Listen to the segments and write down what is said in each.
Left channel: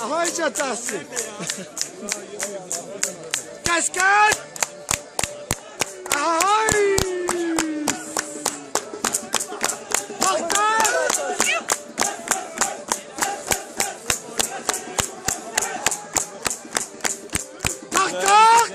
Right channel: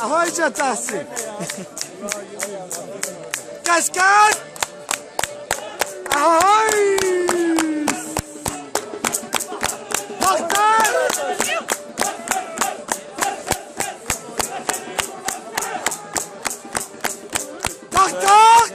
Ahayca Tahsin. Kaskad. Ahay. Baktar. Baktar.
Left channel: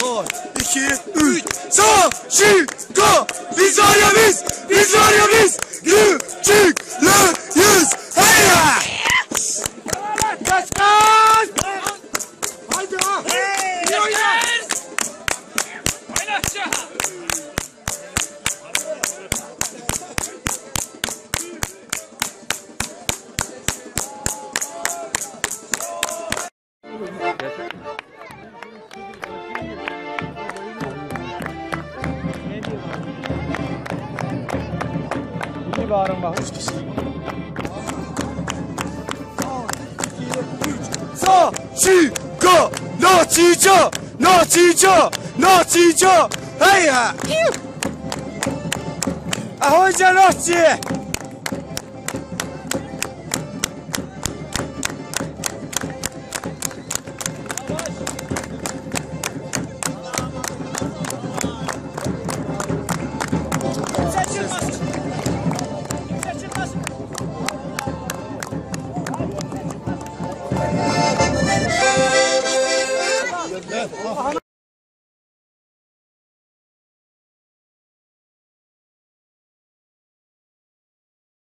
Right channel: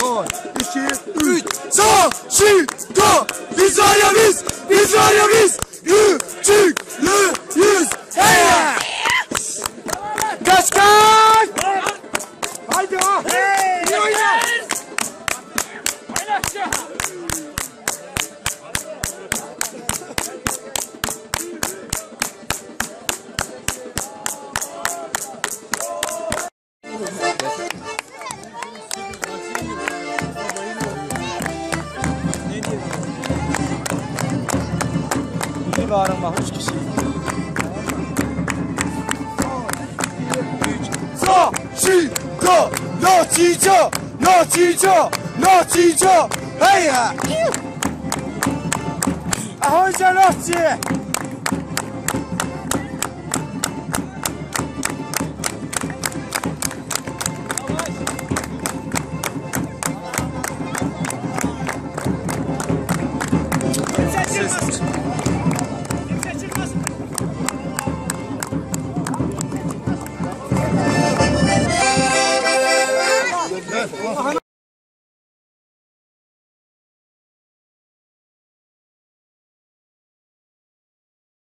Son, 2, 3, sağ, şi, go, biz var ya biz, biz var ya biz, küçüklüyüz, haya! Kaç kaç! Haydi ha! İyi oyna! Bir bağırın bak 3 kişi. 3, 4, go, nacica, nacica, nacica, heya. Ahoyca naci.